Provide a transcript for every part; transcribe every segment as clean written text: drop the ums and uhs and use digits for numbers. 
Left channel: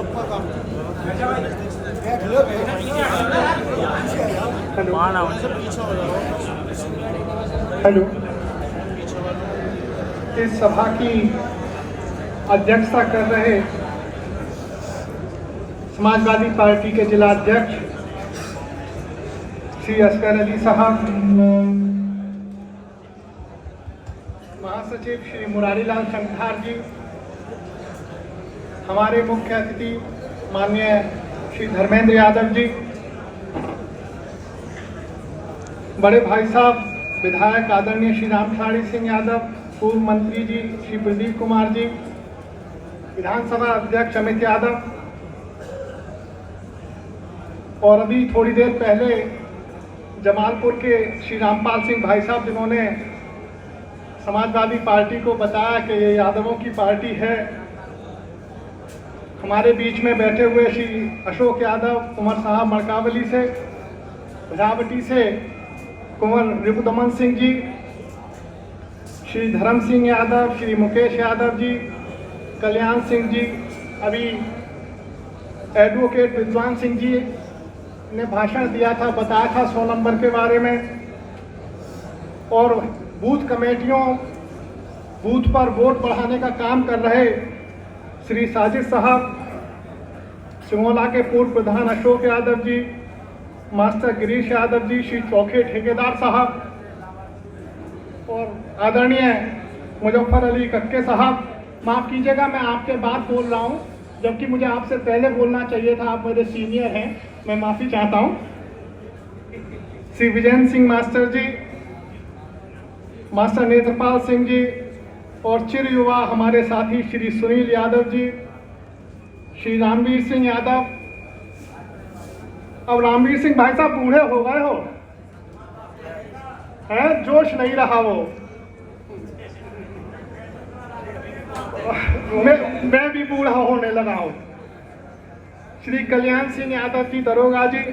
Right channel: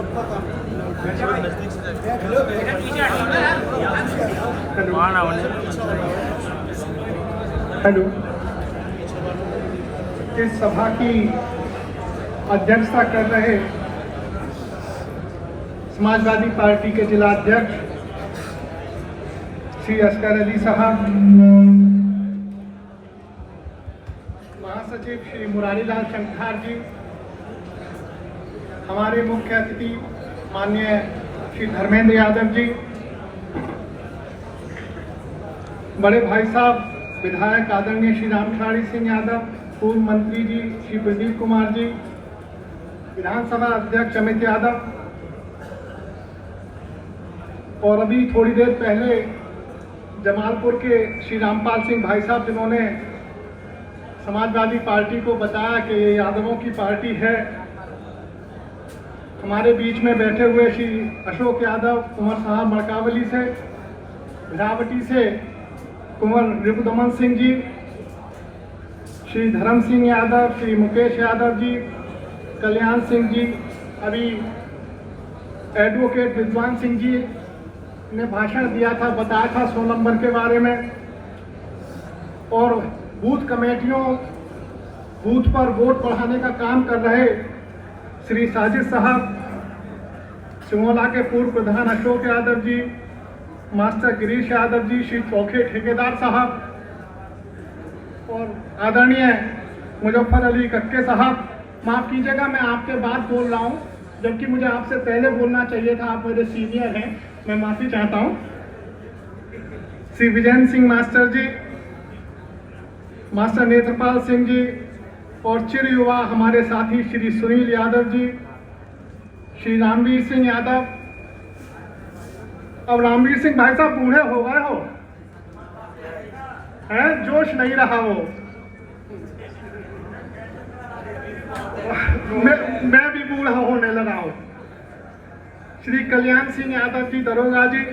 सबका काम हेलो, इस सभा की अध्यक्षता कर रहे समाजवादी पार्टी के जिला अध्यक्ष श्री असगर अली साहब, महासचिव श्री मुरारीलाल शंखार जी, हमारे मुख्य अतिथि माननीय श्री धर्मेंद्र यादव जी, बड़े भाई साहब विधायक आदरणीय श्री रामखिलाड़ी सिंह यादव, पूर्व मंत्री जी श्री प्रदीप कुमार जी, विधानसभा अध्यक्ष अमित यादव, और अभी थोड़ी देर पहले जमालपुर के श्री रामपाल सिंह भाई साहब, जिन्होंने समाजवादी पार्टी को बताया कि ये यादवों की पार्टी है। हमारे बीच में बैठे हुए श्री अशोक यादव, कुंवर साहब मड़कावली से, रावटी से कुंवर रिपुदमन सिंह जी, श्री धर्म सिंह यादव, श्री मुकेश यादव जी, कल्याण सिंह जी, अभी एडवोकेट विद्वान सिंह जी ने भाषण दिया था, बताया था 100 नंबर के बारे में, और बूथ कमेटियों, बूथ पर वोट बढ़ाने का काम कर रहे श्री साजिद साहब, सिमोला के पूर्व प्रधान अशोक यादव जी, मास्टर गिरीश यादव जी, श्री चौखे ठेकेदार साहब, और आदरणीय मुजफ्फर अली कक्के साहब। माफ़ कीजिएगा, मैं आपके बाद बोल रहा हूं, जबकि मुझे आपसे पहले बोलना चाहिए था, आप मेरे सीनियर हैं, मैं माफ़ी चाहता हूं। श्री विजयन सिंह मास्टर जी, मास्टर नेत्रपाल सिंह जी, और चिर युवा हमारे साथी श्री सुनील यादव जी, श्री रामवीर सिंह यादव। अब रामवीर सिंह भाई साहब बूढ़े हो गए हो, हैं, जोश नहीं रहा वो। मैं भी बूढ़ा होने लगा हूं। श्री कल्याण सिंह यादव जी दरोगा जी,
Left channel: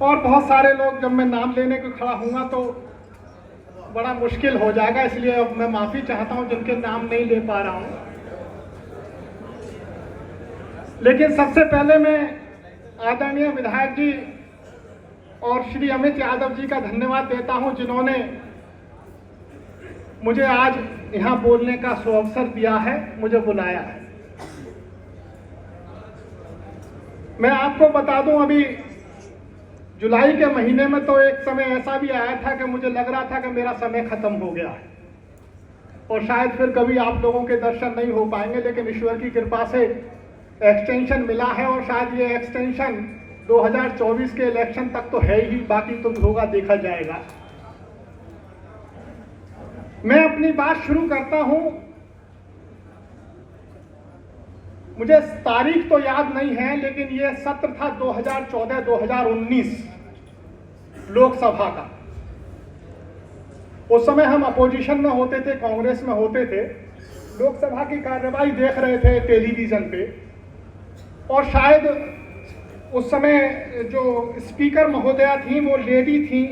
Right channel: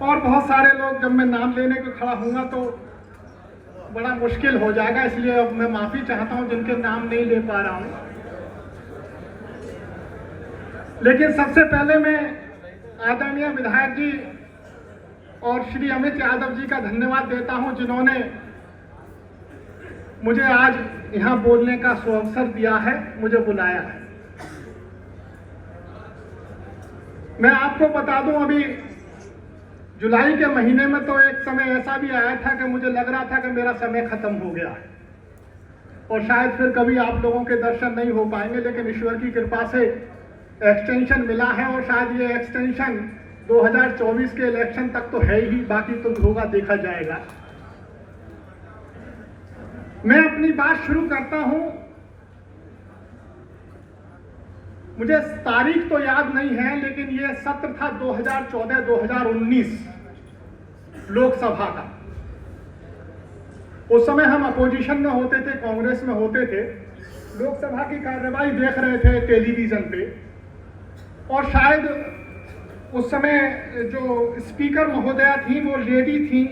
और बहुत सारे लोग, जब मैं नाम लेने को खड़ा हूँगा तो बड़ा मुश्किल हो जाएगा, इसलिए अब मैं माफी चाहता हूं जिनके नाम नहीं ले पा रहा हूं। लेकिन सबसे पहले मैं आदरणीय विधायक जी और श्री अमित यादव जी का धन्यवाद देता हूं, जिन्होंने मुझे आज यहां बोलने का सुअवसर दिया है, मुझे बुलाया है। मैं आपको बता दूं, अभी जुलाई के महीने में तो एक समय ऐसा भी आया था कि मुझे लग रहा था कि मेरा समय खत्म हो गया है और शायद फिर कभी आप लोगों के दर्शन नहीं हो पाएंगे, लेकिन ईश्वर की कृपा से एक्सटेंशन मिला है, और शायद ये एक्सटेंशन 2024 के इलेक्शन तक तो है ही, बाकी तो होगा, देखा जाएगा। मैं अपनी बात शुरू करता हूं। मुझे तारीख तो याद नहीं है, लेकिन ये सत्र था 2014-2019 लोकसभा का। उस समय हम अपोजिशन में होते थे, कांग्रेस में होते थे, लोकसभा की कार्यवाही देख रहे थे टेलीविजन पे, और शायद उस समय जो स्पीकर महोदया थी वो लेडी थी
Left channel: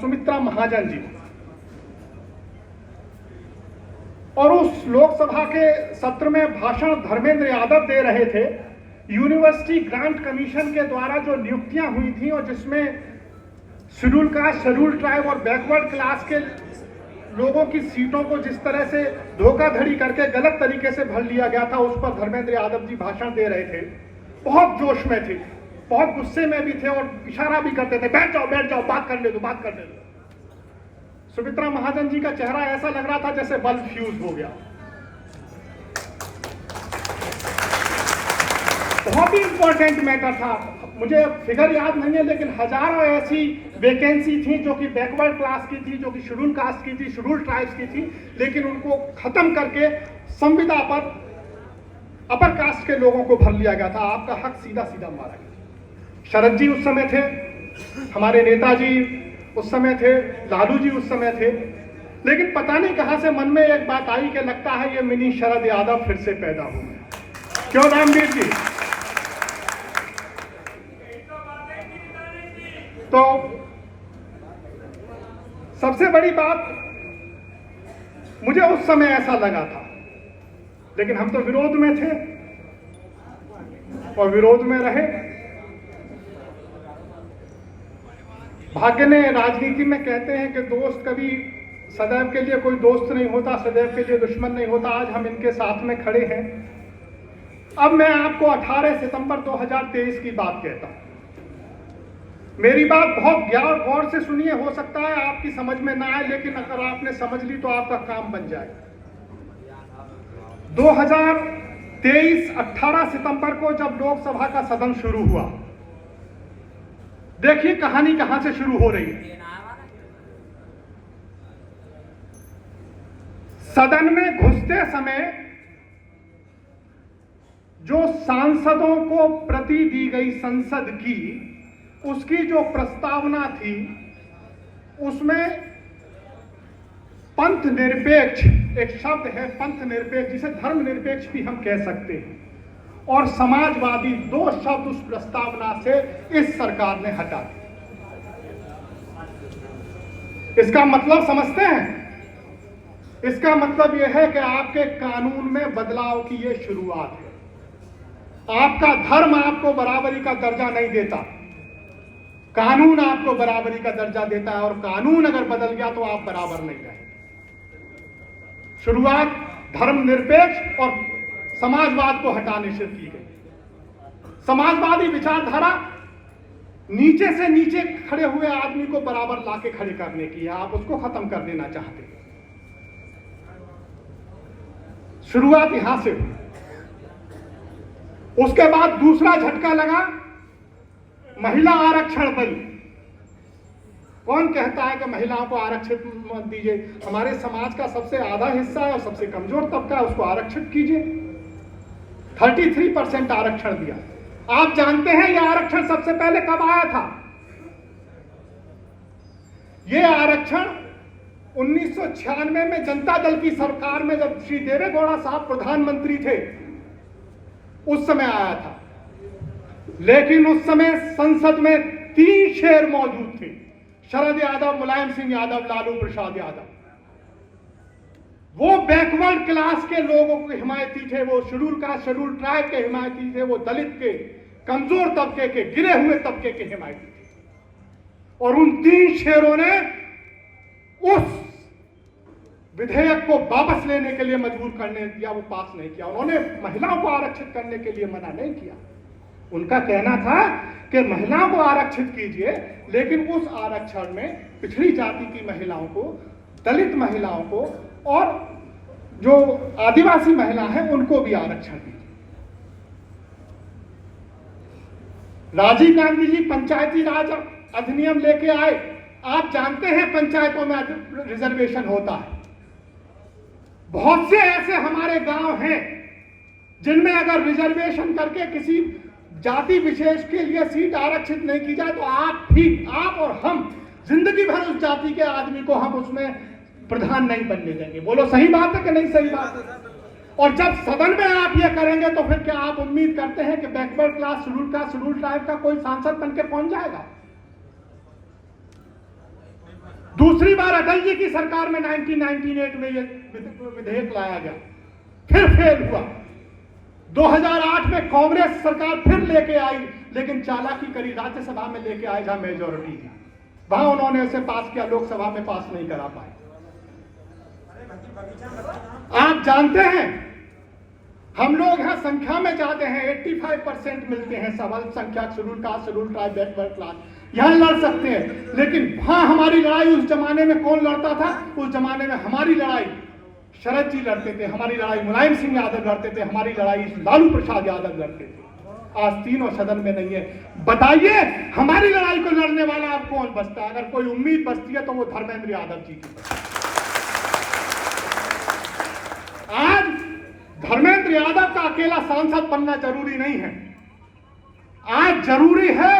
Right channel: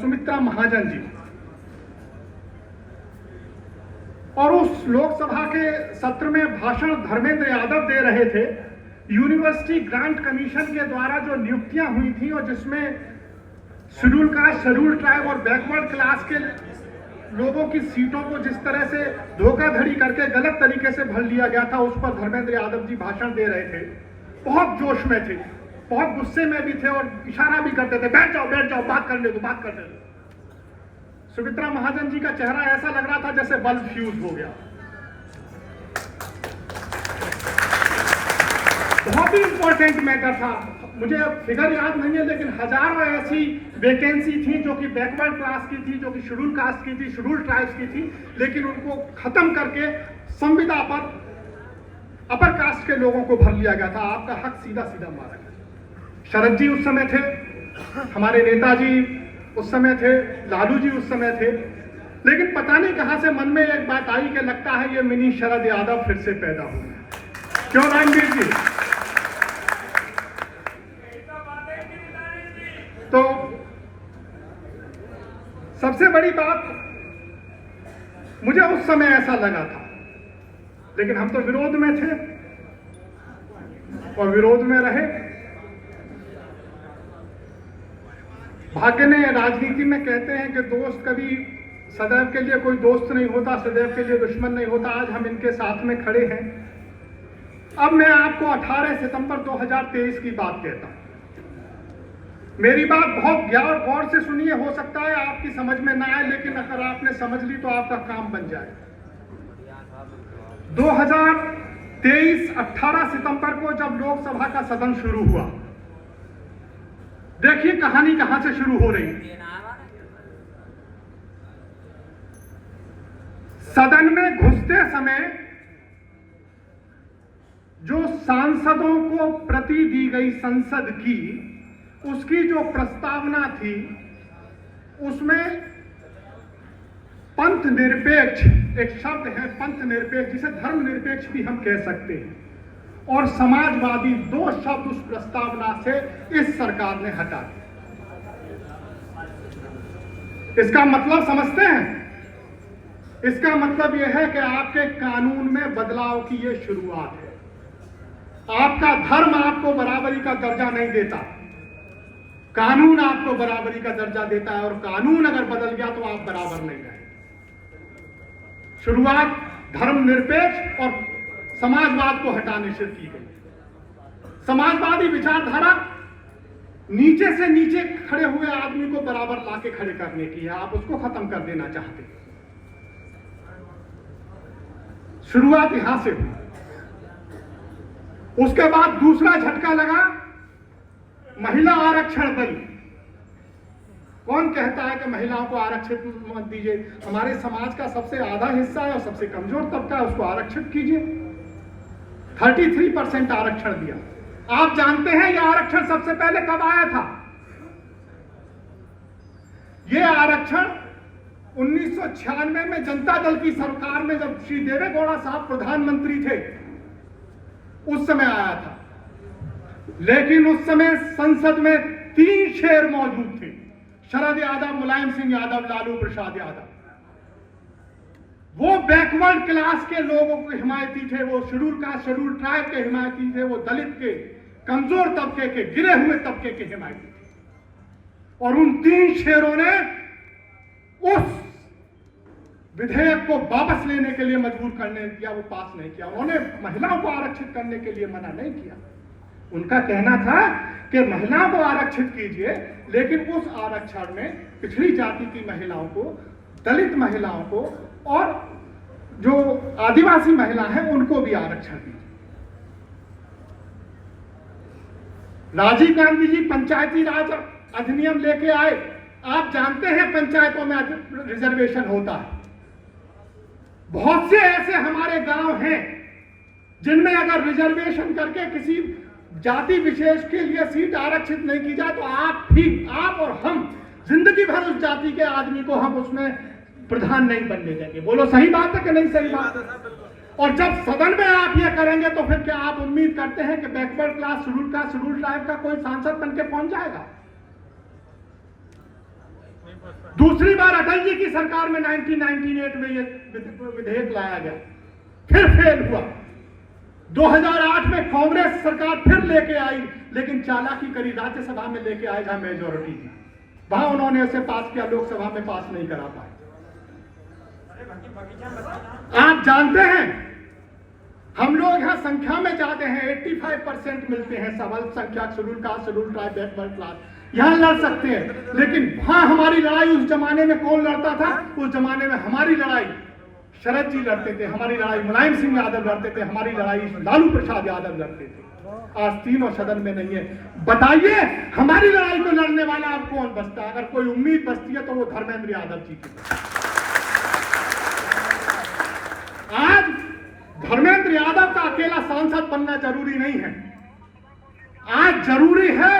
सुमित्रा महाजन जी, और उस लोकसभा के सत्र में भाषण धर्मेंद्र यादव दे रहे थे। यूनिवर्सिटी ग्रांट कमीशन के द्वारा जो नियुक्तियां हुई थी, और जिसमें शेड्यूल कास्ट, शेड्यूल ट्राइब और बैकवर्ड क्लास के लोगों की सीटों को जिस तरह से धोखाधड़ी करके गलत तरीके से भर लिया गया था, उस पर धर्मेंद्र यादव जी भाषण दे रहे थे। बहुत जोश में थे, बहुत गुस्से में भी थे, और इशारा भी करते थे, बैठ जाओ, बात करने दो, बात करने दो। सुमित्रा महाजन जी का चेहरा ऐसा लग रहा था जैसे बल्ब फ्यूज हो गया। बहुत ही इंपॉर्टेंट मैटर था। मुझे अब फिगर याद नहीं है, लेकिन हजारों ऐसी वैकेंसी थी जो कि बैकवर्ड क्लास की थी, जो कि शेड्यूल कास्ट की थी, शेड्यूल ट्राइब्स की थी, लेकिन उनको खत्म करके संविदा पर अपर कास्ट के लोगों को भर लिया गया था। आपका हक सीधा सीधा मारा गया। शरद जी उस समय थे, हमारे नेताजी उस समय थे, लालू जी उस समय थे, लेकिन पता नहीं कहां से मन में एक बात आई कि लगता है ये मिनी शरद यादव फिर से पैदा हो गया। क्यों रामवीर जी? तो सबसे बड़ी बात, मुझे उस समय ऐसा लगा था, लेकिन हम तो विरोध में थे, और विरोध में रहे। भाग्य ने राजनीति में कहते हैं कि दोस्त कभी सदैव के लिए कोई दोस्त नहीं होता, सदैव के लिए दुश्मन नहीं होता। आज हम इनके साथ में खड़े हैं। अब मैं आपको 18 सितंबर 2023 की बात कहता हूं। मेरी बात बहुत गौर से सुनिए, हो सकता है आपकी समझ में ना आए, लेकिन अगर आपने समझ ली तो आपका काम बन जाए। 2023 18 सितंबर को जब लोकसभा का सदन शुरू हुआ, देखिए कहानी कहां से शुरू हो रही है। सदन में घुसते समय जो सांसदों को प्रति दी गई संसद की, उसकी जो प्रस्तावना थी, उसमें पंथ निरपेक्ष, एक शब्द है पंथ निरपेक्ष, जिसे धर्म निरपेक्ष भी हम कह सकते हैं, और समाजवादी, दो शब्द उस प्रस्तावना से इस सरकार ने हटा दिए। इसका मतलब समझते हैं? इसका मतलब यह है कि आपके कानून में बदलाव की यह शुरुआत है। आपका धर्म आपको बराबरी का दर्जा नहीं देता, कानून आपको बराबरी का दर्जा देता है, और कानून अगर बदल गया तो आप बराबर नहीं रहे। शुरुआत धर्मनिरपेक्ष और समाजवाद को हटाने से की गई। समाजवादी विचारधारा नीचे से नीचे खड़े हुए आदमी को बराबर लाके खड़े करने की है, आप उसको खत्म कर देना चाहते हैं। शुरुआत यहां से हुई। उसके बाद दूसरा झटका लगा, महिला आरक्षण बिल। कौन कहता है कि महिलाओं को आरक्षित मत दीजिए? हमारे समाज का सबसे आधा हिस्सा है और सबसे कमजोर तबका है, उसको आरक्षित कीजिए। 33% आरक्षण दिया। आप जानते हैं यह आरक्षण सबसे पहले कब आया था? यह आरक्षण 1996 में जनता दल की सरकार में, जब श्री देवेगौड़ा साहब प्रधानमंत्री थे, उस समय आया था। लेकिन उस समय संसद में 3 शेर मौजूद थे, शरद यादव, मुलायम सिंह यादव, लालू प्रसाद यादव। वो बैकवर्ड क्लास के लोगों के हिमायती थे, वो शेड्यूल कास्ट, शेड्यूल ट्राइब के हिमायती थे, वो दलित के, कमजोर तबके के, गिरे हुए तबके के हिमायती थे। और उन 3 शेरों ने उस विधेयक को वापस लेने के लिए मजबूर करने किया, वो पास नहीं किया। उन्होंने महिलाओं को आरक्षित करने के लिए मना नहीं किया। उनका कहना था कि महिलाओं को आरक्षित कीजिए, लेकिन उस आरक्षण में पिछड़ी जाति की महिलाओं को, दलित महिलाओं को और जो आदिवासी महिला हैं उनको भी आरक्षण दीजिए। राजीव गांधी जी पंचायती राज अधिनियम लेके आए। आप जानते हैं पंचायतों में रिजर्वेशन होता है। बहुत से ऐसे हमारे गांव हैं जिनमें अगर रिजर्वेशन करके किसी जाति विशेष के लिए सीट आरक्षित नहीं की जाए तो आप और हम जिंदगी भर उस जाति के आदमी को हम उसमें प्रधान नहीं बनने देंगे। बोलो सही बात है कि नहीं सही बात है? और जब सदन में आप ये करेंगे तो फिर क्या आप उम्मीद करते हैं कि backward class, schedule caste, schedule tribe का कोई सांसद बनके पहुंच जाएगा? दूसरी बार अटल जी की सरकार में 1998 में यह विधेयक लाया गया, फिर फेल हुआ। 2008 में कांग्रेस सरकार फिर लेके आई, लेकिन चालाकी करी, राज्यसभा में लेके आए जहां मेजोरिटी थी, वहां उन्होंने इसे पास किया, लोकसभा में पास नहीं करा पाए। आप जानते हैं हम लोग यहां संख्या में जाते हैं, 85% मिलते हैं, सब अल्पसंख्यक, schedule caste, schedule tribe, backward class, यहां लड़ सकते हैं। लेकिन वहां हमारी लड़ाई उस जमाने में कौन लड़ता था? उस जमाने में हमारी लड़ाई शरद जी लड़ते थे, हमारी लड़ाई मुलायम सिंह यादव लड़ते थे, हमारी लड़ाई लालू प्रसाद यादव लड़ते थे। आज तीनों सदन में नहीं है। बताइए हमारी लड़ाई को लड़ने वाला अब कौन बचता है? अगर कोई उम्मीद बचती है तो वो धर्मेंद्र यादव जी की। आज धर्मेंद्र यादव का अकेला सांसद बनना जरूरी नहीं है। आज जरूरी है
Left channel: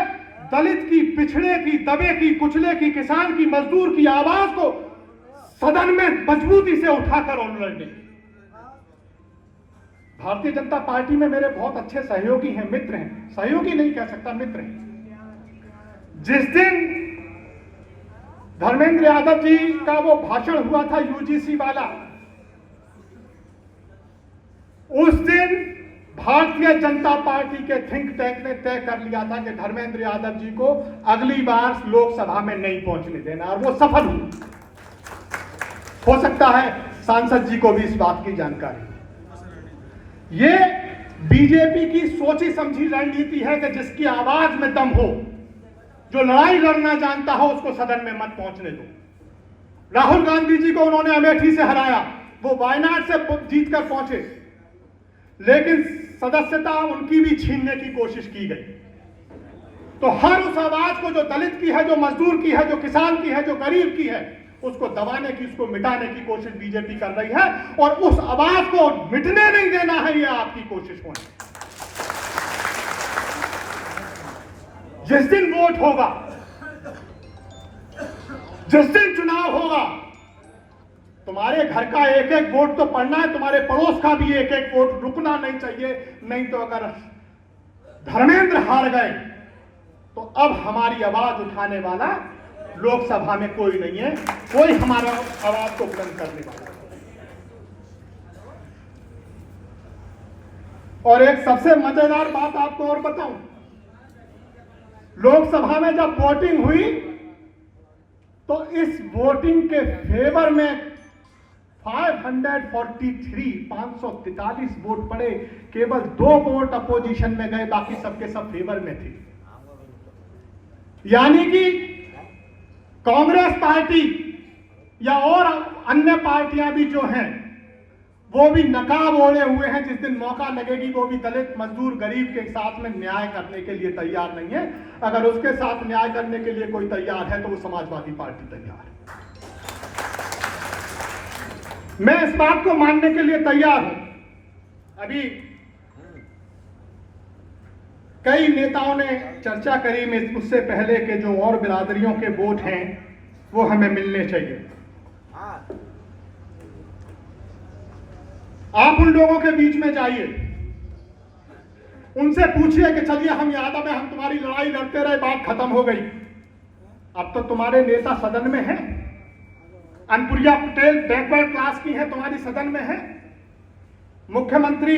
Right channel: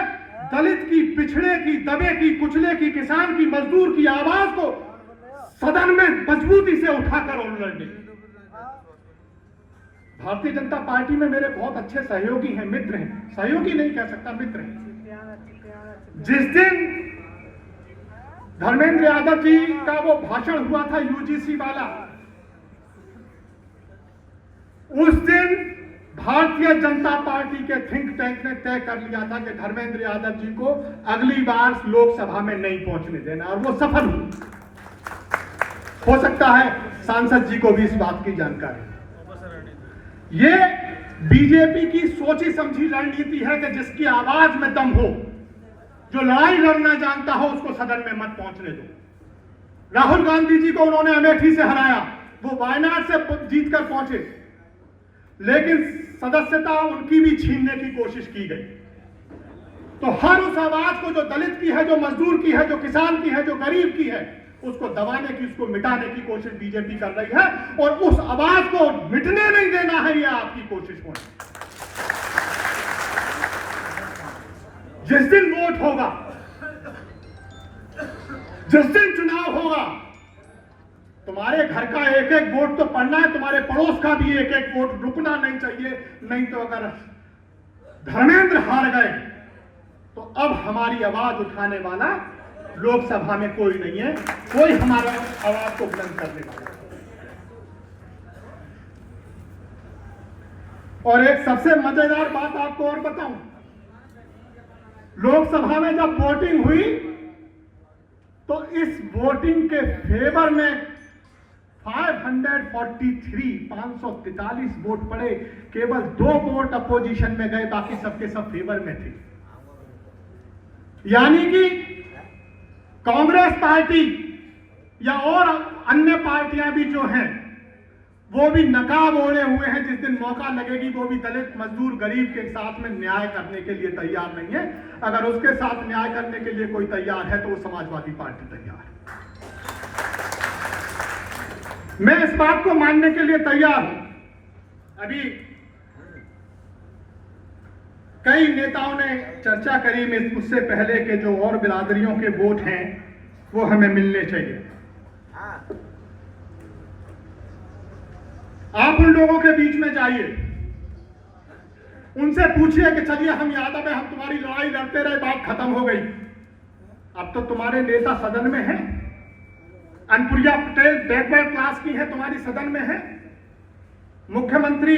दलित की, पिछड़े की, दबे की, कुचले की, किसान की, मजदूर की आवाज को सदन में मजबूती से उठाकर और लड़ने। भारतीय जनता पार्टी में मेरे बहुत अच्छे सहयोगी हैं, मित्र हैं, सहयोगी नहीं कह सकता, मित्र हैं। जिस दिन धर्मेंद्र यादव जी का वो भाषण हुआ था यूजीसी वाला, उस दिन भारतीय जनता पार्टी के थिंक टैंक ने तय कर लिया था कि धर्मेंद्र यादव जी को अगली बार लोकसभा में नहीं पहुंचने देना, और वो सफल हुए। हो सकता है सांसद जी को भी इस बात की जानकारी। ये बीजेपी की सोची समझी रणनीति है कि जिसकी आवाज में दम हो, जो लड़ाई लड़ना जानता हो, उसको सदन में मत पहुंचने दो। राहुल गांधी जी को उन्होंने अमेठी से हराया, वो वायनाड से जीतकर पहुंचे, लेकिन सदस्यता उनकी भी छीनने की कोशिश की गई। तो हर उस आवाज को, जो दलित की है, जो मजदूर की है, जो किसान की है, जो गरीब की है, उसको दबाने की, उसको मिटाने की कोशिश बीजेपी कर रही है, और उस आवाज को मिटने नहीं देना है, ये आपकी कोशिश होनी। जिस दिन वोट होगा, जिस दिन चुनाव होगा, तुम्हारे घर का एक एक वोट तो पड़ना है, तुम्हारे पड़ोस का भी एक एक वोट रुकना नहीं चाहिए। नहीं तो अगर धर्मेंद्र हार गए तो अब हमारी आवाज उठाने वाला लोकसभा में कोई नहीं है, कोई हमारा आवाज को बुलंद करने वाला। और एक सबसे मजेदार बात आपको और बताऊं, लोकसभा में जब वोटिंग हुई तो इस वोटिंग के फेवर में 543 वोट पड़े, केवल 2 वोट अपोजिशन में गए, बाकी सबके सब फेवर में थे। यानी कि कांग्रेस पार्टी या और अन्य पार्टियां भी जो हैं, वो भी नकाब ओढ़े हुए हैं। जिस दिन मौका लगेगी वो भी दलित, मजदूर, गरीब के साथ में न्याय करने के लिए तैयार नहीं है। अगर उसके साथ न्याय करने के लिए कोई तैयार है तो वो समाजवादी पार्टी तैयार है। मैं इस बात को मानने के लिए तैयार हूं। अभी कई नेताओं ने चर्चा करी में उससे पहले के जो और बिरादरियों के वोट हैं वो हमें मिलने चाहिए। आप उन लोगों के बीच में जाइए, उनसे पूछिए कि चलिए हम यादव है, हम तुम्हारी लड़ाई लड़ते रहे, बात खत्म हो गई। अब तो तुम्हारे नेता सदन में हैं। अनुप्रिया पटेल बैकवर्ड क्लास की है, तुम्हारी सदन में है। मुख्यमंत्री,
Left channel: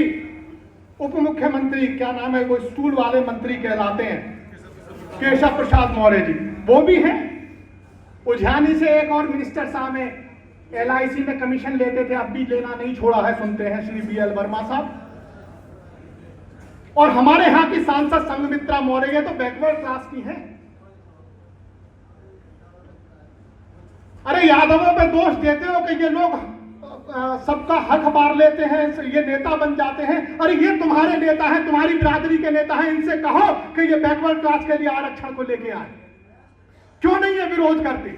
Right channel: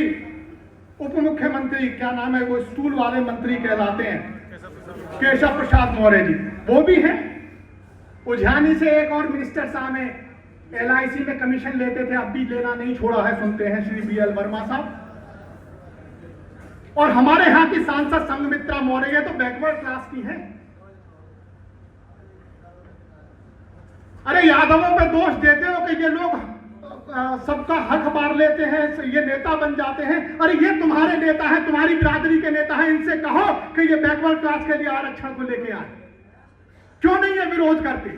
उप मुख्यमंत्री, क्या नाम है वो, स्टूल वाले मंत्री कहलाते हैं, केशव प्रसाद मौर्य जी, वो भी हैं। उज्जैनी से एक और मिनिस्टर साहब हैं, LIC में कमीशन लेते थे, अब भी लेना नहीं छोड़ा है, सुनते हैं, श्री BL वर्मा साहब। और हमारे यहां की सांसद संघमित्रा मौर्य तो बैकवर्ड क्लास की है। अरे यादवों पे दोष देते हो कि ये लोग सबका हक बार लेते हैं, ये नेता बन जाते हैं। अरे ये तुम्हारे नेता हैं, तुम्हारी बिरादरी के नेता हैं, इनसे कहो कि ये बैकवर्ड क्लास के लिए आरक्षण को लेके आए। क्यों नहीं ये विरोध करते?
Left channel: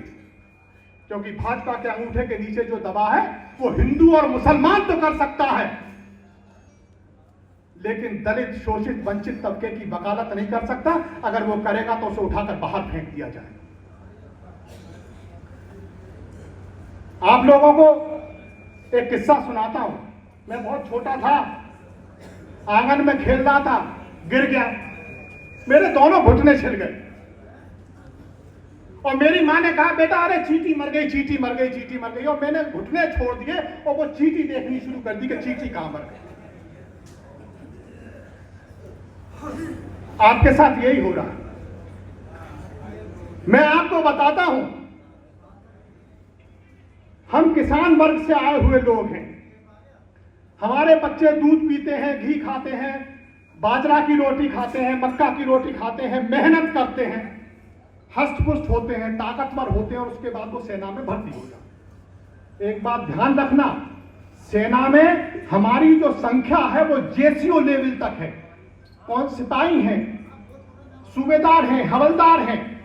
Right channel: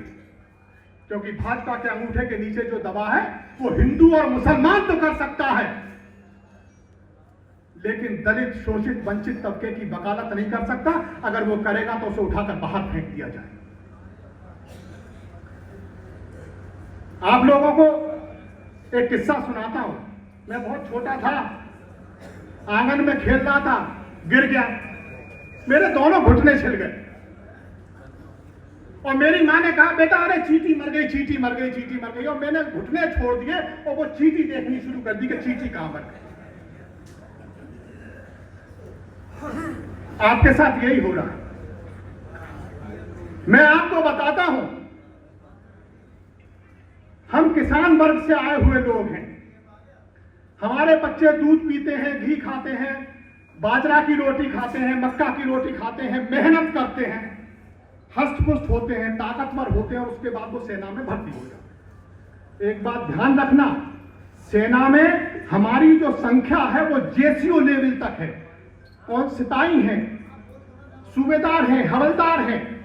क्योंकि भाजपा के अंगूठे के नीचे जो दबा है वो हिंदू और मुसलमान तो कर सकता है, लेकिन दलित, शोषित, वंचित तबके की वकालत नहीं कर सकता। अगर वो करेगा तो उसे उठाकर बाहर फेंक दिया जाए। आप लोगों को एक किस्सा सुनाता हूं। मैं बहुत छोटा था, आंगन में खेल रहा था, गिर गया, मेरे दोनों घुटने छिल गए। और मेरी मां ने कहा, बेटा अरे चींटी मर गई, चींटी मर गई, चींटी मर गई। और मैंने घुटने छोड़ दिए और वो चींटी देखनी शुरू कर दी कि चींटी कहां मर गई। आपके साथ यही हो रहा। मैं आपको बताता हूं, हम किसान वर्ग से आए हुए लोग हैं। हमारे बच्चे दूध पीते हैं, घी खाते हैं, बाजरा की रोटी खाते हैं, मक्का की रोटी खाते हैं, मेहनत करते हैं, हष्ट पुष्ट होते हैं, ताकतवर होते हैं, और उसके बाद वो सेना में भर्ती हो जाते। एक बात ध्यान रखना, सेना में हमारी जो संख्या है वो JCO लेवल तक है। कौन? सिपाही हैं, सूबेदार हैं, हवलदार हैं,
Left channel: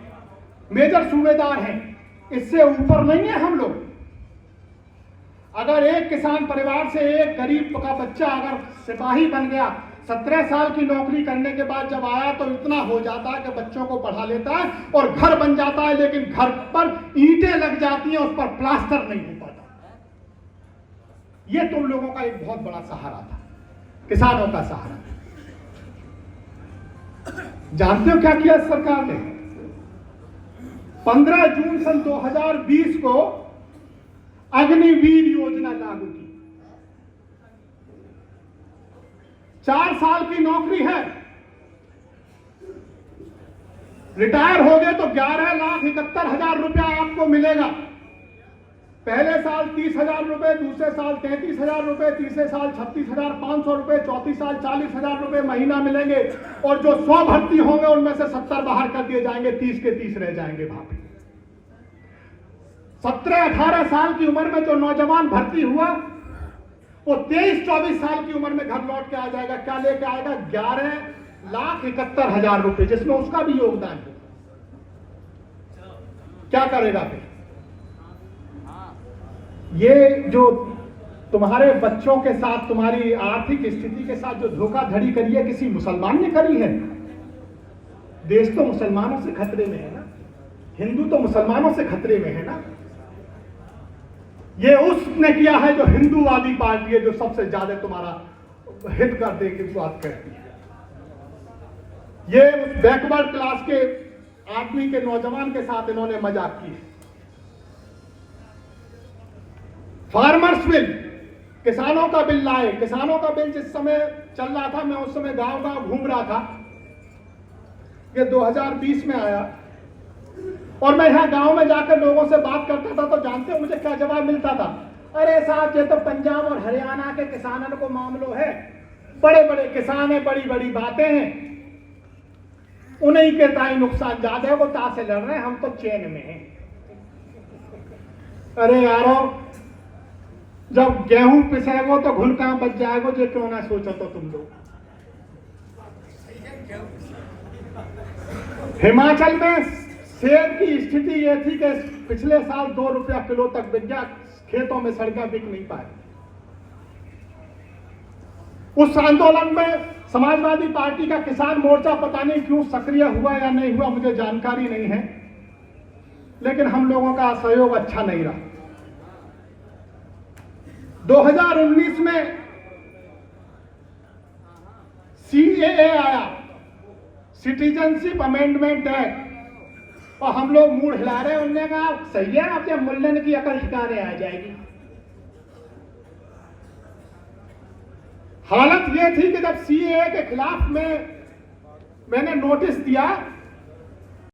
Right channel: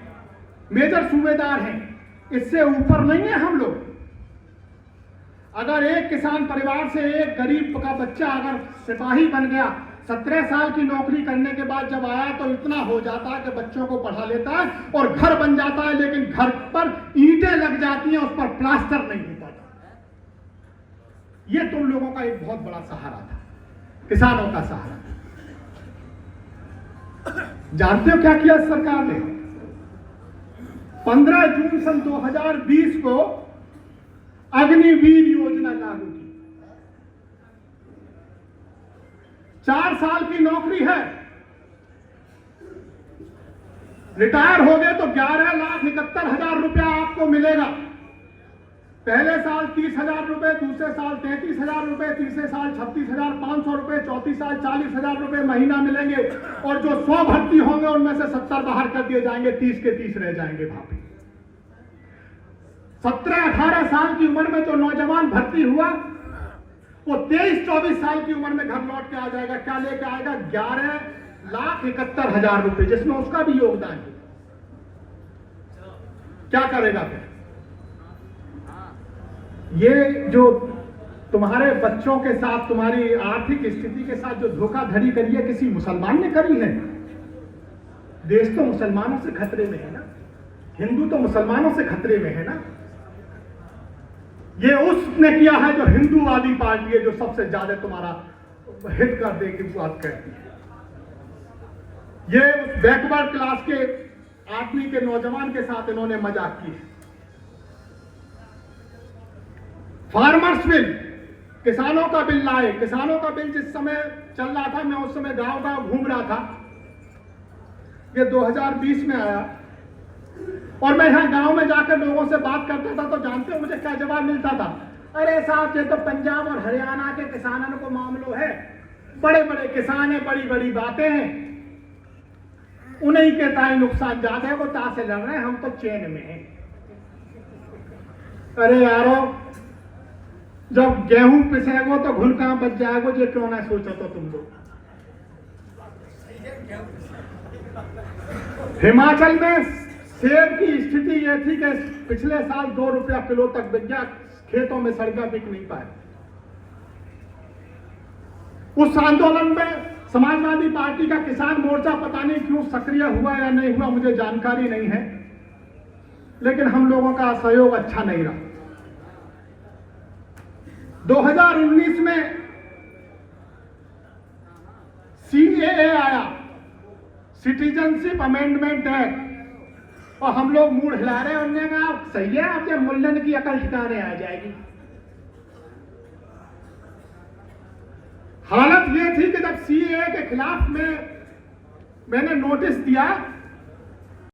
मेजर सूबेदार हैं, इससे ऊपर नहीं है हम लोग। अगर एक किसान परिवार से एक गरीब का बच्चा अगर सिपाही बन गया, 17 साल की नौकरी करने के बाद जब आया तो इतना हो जाता है कि बच्चों को पढ़ा लेता है और घर बन जाता है, लेकिन घर पर ईंटें लग जाती हैं, उस पर प्लास्टर नहीं हो पाता। ये तुम लोगों का एक बहुत बड़ा सहारा था, किसानों का सहारा। जानते हो क्या किया सरकार ने? 15 जून सन 2020 को अग्निवीर योजना लागू की। 4 साल की नौकरी है, रिटायर हो गए तो 11,71,000 रुपया आपको मिलेगा। पहले साल 30,000 रुपए, दूसरे साल 33,000 रुपए, तीसरे साल 36,500 रुपए, चौथी साल 40,000 रुपए महीना मिलेंगे। और जो 100 भर्ती होंगे उनमें से 70 बाहर कर दिए जाएंगे, 30 के 30 रह जाएंगे। भाभी 17-18 साल की उम्र में जो नौजवान भर्ती हुआ वो 23-24 साल की उम्र में घर लौट के आ जाएगा। क्या लेके आएगा? 11,71,000 रुपए, जिसमें उसका भी योगदान है। क्या करेगा फिर? ये जो तुम्हारे बच्चों के साथ, तुम्हारी आर्थिक स्थिति के साथ जो धोखाधड़ी करी है, किसी मुसलमान ने करी है? देश तो मुसलमानों से खतरे में है ना, हिंदू तो मुसलमानों से खतरे में है ना। ये उसने किया है जो हिंदूवादी पार्टी है, जो सबसे ज्यादा तुम्हारा हित कर दे की बात करती है। ये बैकवर्ड क्लास के आदमी के, नौजवान के साथ इन्होंने मजाक की है। फार्मर्स बिल, किसानों का बिल लाए। किसानों का बिल जिस समय चल रहा था, मैं उस समय गांव गांव घूम रहा था, ये 2020 में आया। और मैं यहां गांव में जाकर लोगों से बात करता था, तो जानते हो मुझे क्या जवाब मिलता था? अरे साहब, ये तो पंजाब और हरियाणा के किसानों को मामलो है, बड़े बड़े किसान है, बड़ी बड़ी बातें हैं, उन्हीं के ताई नुकसान ज्यादा है, वो ता से लड़ रहे हैं, हम तो चैन में हैं। अरे यारो, जब गेहूं पिसेगो तो घुल कहां बच जाएगो, ये क्यों ना सोचो तो तुम लोग। हिमाचल में सेब की स्थिति यह थी कि पिछले साल 2 रुपया किलो तक बिक गया, खेतों में सड़कें बिक नहीं पाए। उस आंदोलन में समाजवादी पार्टी का किसान मोर्चा पता नहीं क्यों सक्रिय हुआ या नहीं हुआ, मुझे जानकारी नहीं है, लेकिन हम लोगों का सहयोग अच्छा नहीं रहा। 2019 में सीएए आया, सिटीजनशिप अमेंडमेंट एक्ट, और हम लोग मुंह हिला रहे हैं। उन्होंने कहा सही है, आप जब मुल्लन की अकल ठिकाने आ जाएगी। हालत यह थी कि जब सीएए के खिलाफ मैंने नोटिस दिया